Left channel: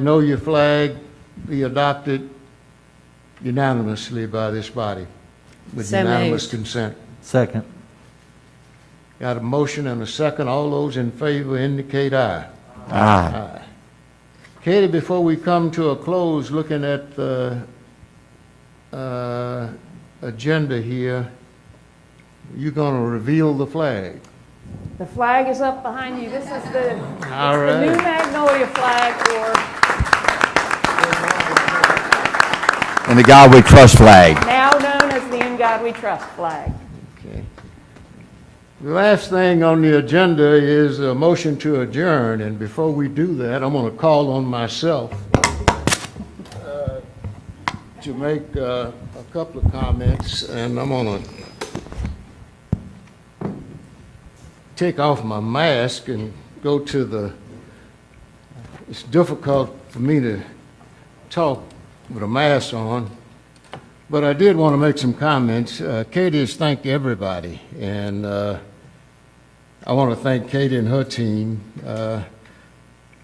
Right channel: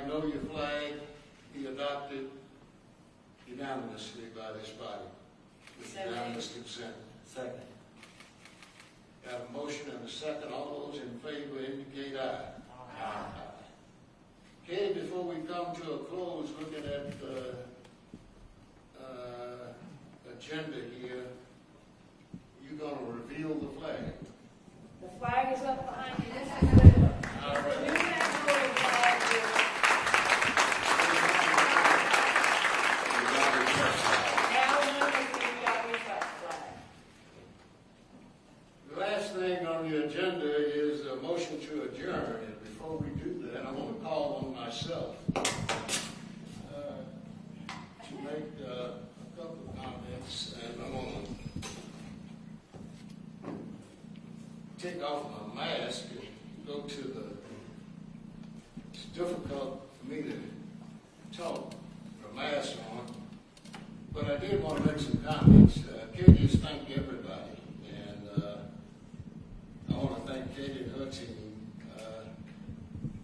Know your flag be adopted unanimously by this body with So unanimous moved. consent. Second. Got a motion and a second. All those in favor indicate aye. Aye. Katie, before we come to a close, looking at the agenda here, you're going to reveal the flag. The flag is up behind you. This is the All the new right. Magnolia flag, And the God We Trust flag. or now known as the In God We Trust flag. Okay. The last thing on the agenda is a motion to adjourn, and before we do that, I'm going to call on myself to make a couple of comments, and I'm going to take off my mask and go to the, it's difficult for me to talk with a mask on, but I did want to make some comments. Katie has thanked everybody, and I want to thank Katie and her team.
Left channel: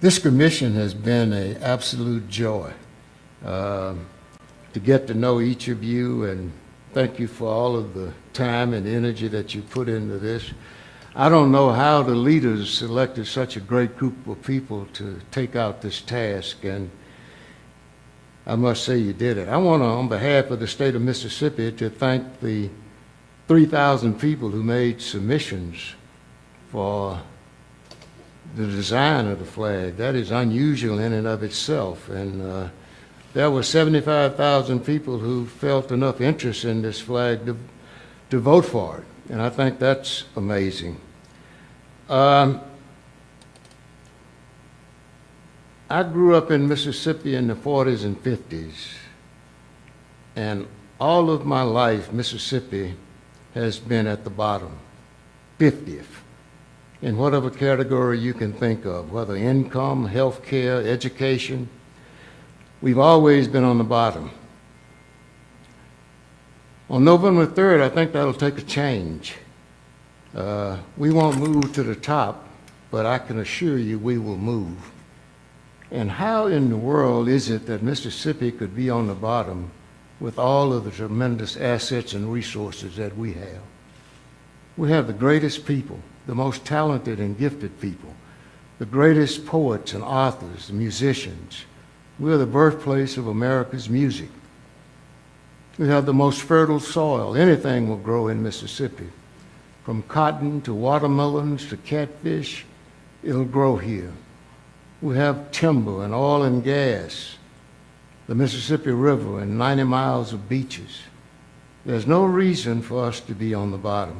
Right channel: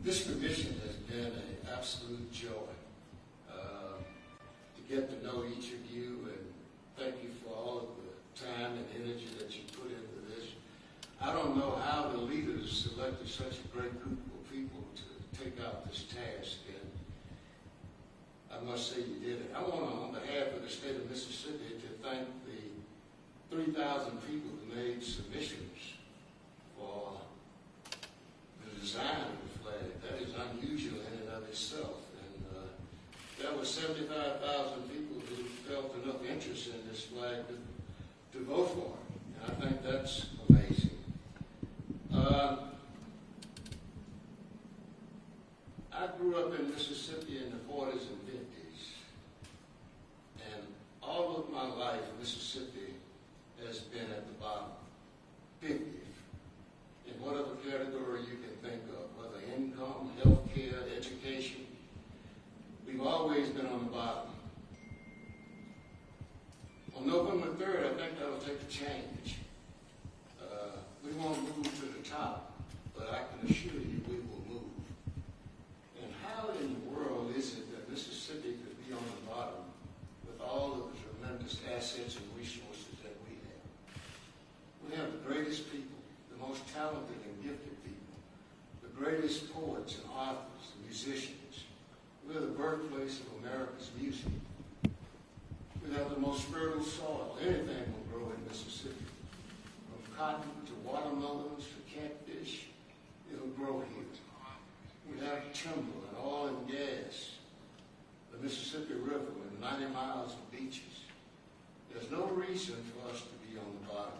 This commission has been an absolute joy to get to know each of you, and thank you for all of the time and energy that you put into this. I don't know how the leaders selected such a great group of people to take out this task, and I must say you did it. I want to, on behalf of the state of Mississippi, to thank the 3,000 people who made submissions for the design of the flag. That is unusual in and of itself, and there were 75,000 people who felt enough interest in this flag to vote for it, and I think that's amazing. I grew up in Mississippi in the 40s and 50s, and all of my life, Mississippi has been at the bottom, 50th, in whatever category you can think of, whether income, health care, education. We've always been on the bottom. On November 3rd, I think that'll take a change. We won't move to the top, but I can assure you we will move. And how in the world is it that Mississippi could be on the bottom with all of the tremendous assets and resources that we have? We have the greatest people, the most talented and gifted people, the greatest poets and authors, musicians. We're the birthplace of America's music. We have the most fertile soil. Anything will grow in Mississippi. From cotton to watermelons to catfish, it'll grow here. We have timber and oil and gas, the Mississippi River and 90 miles of beaches. There's no reason for us to be on the bottom.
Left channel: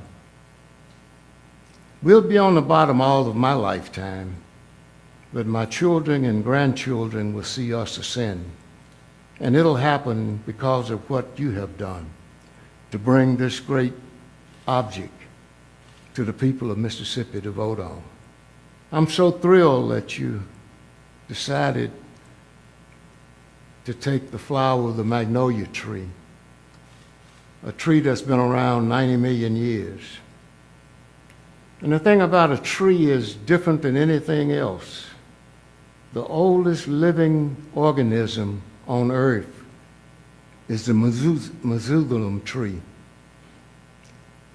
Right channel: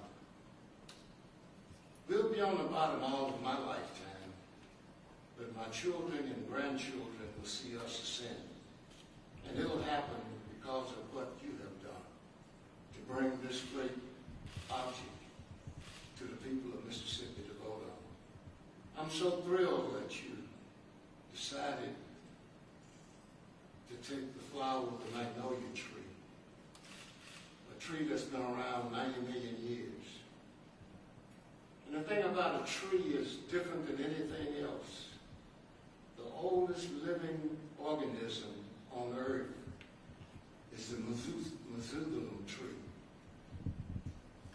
We'll be on the bottom all of my lifetime, but my children and grandchildren will see us ascend. And it'll happen because of what you have done to bring this great object to the people of Mississippi to vote on. I'm so thrilled that you decided to take the flower of the magnolia tree, a tree that's been around 90 million years. And the thing about a tree is different than anything else. The oldest living organism on earth is the Meshuggah tree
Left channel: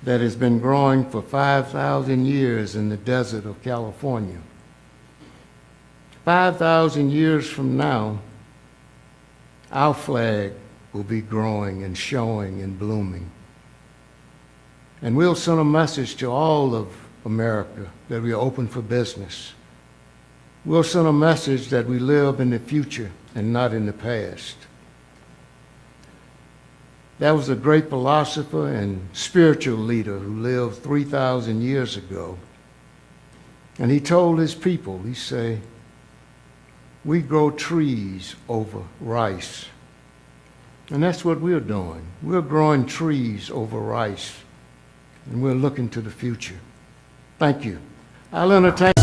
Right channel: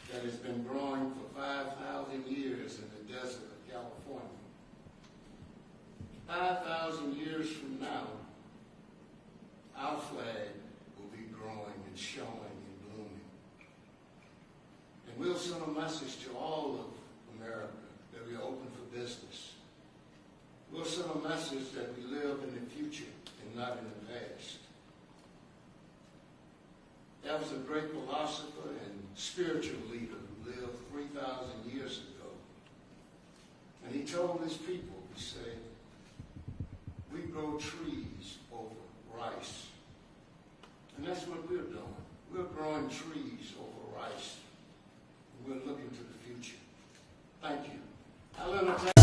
that has been growing for 5,000 years in the desert of California. 5,000 years from now, our flag will be growing and showing and blooming. And we'll send a message to all of America that we are open for business. We'll send a message that we live in the future and not in the past. That was a great philosopher and spiritual leader who lived 3,000 years ago. And he told his people, he said, we grow trees over rice. And that's what we're doing. We're growing trees over rice, and we're looking to the future. Thank you. I'll entertain